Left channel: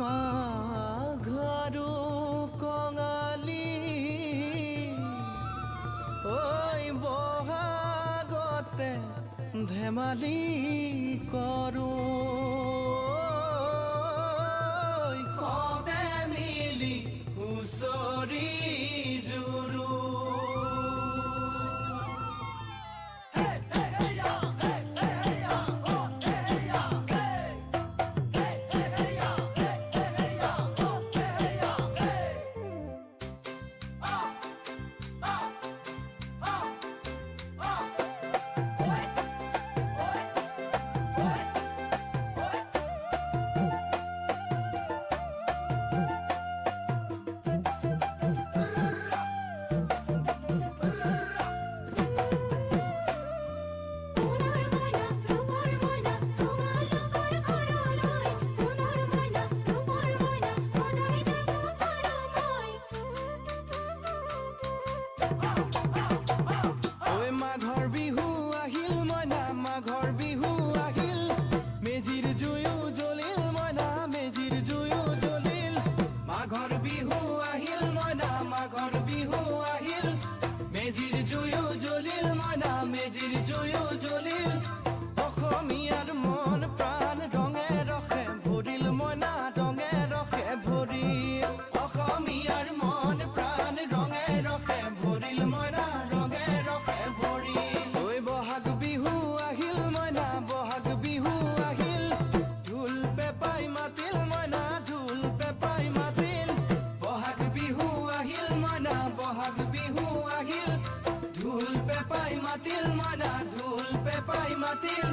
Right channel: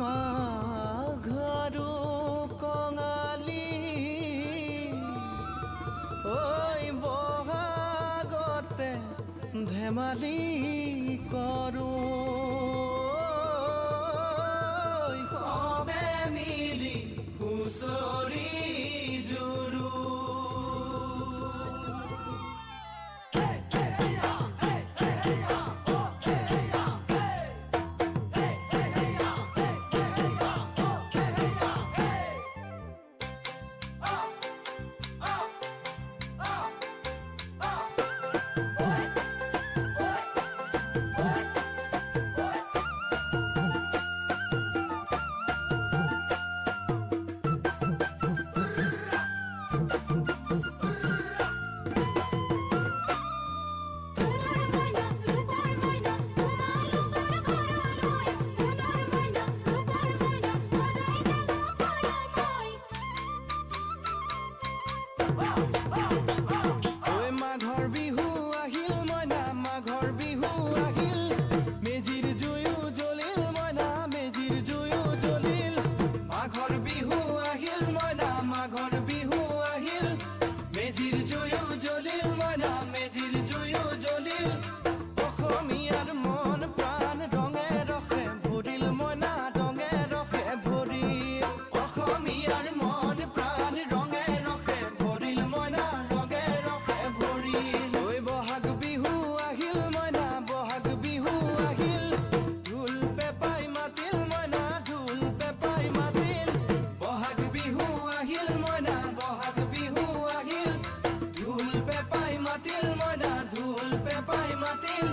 মাঘৰো কঙালী ঐ বহাগতে ধেমালি কৰোঁ সবে মিলি হুঁচৰি জুৰো মাঘৰ বিহু আহিল মইনা মাঘৰ বিহু আহিল মেজিৰ জুয়ো জ্বলিল মইনা মেজিৰ জুয়ো জ্বলিল মাঘৰ বিহু আহিল মইনা মাঘৰ বিহু আহিল মেজিৰ জুয়ো জ্বলিল মইনা মেজিৰ জুয়ো জ্বলিল অসমীয়াৰ মন প্ৰাণ ৰঙে ৰসে ভৰিল মইনা ৰঙে ৰসে ভৰিল অসমীয়াৰ মন প্ৰাণ ৰঙে ৰসে ভৰিল মইনা ৰঙে ৰসে ভৰিল ঐ বহাগ বিহু আহিল মইনা বহাগ বিহু আহিল ঢোল পেপাই মাতিল মইনা ঢোল পেপাই মাতিল বহাগ বিহু আহিল মইনা বহাগ বিহু আহিল ঢোল পেপাই মাতিল মইনা ঢোল পেপাই মাতিল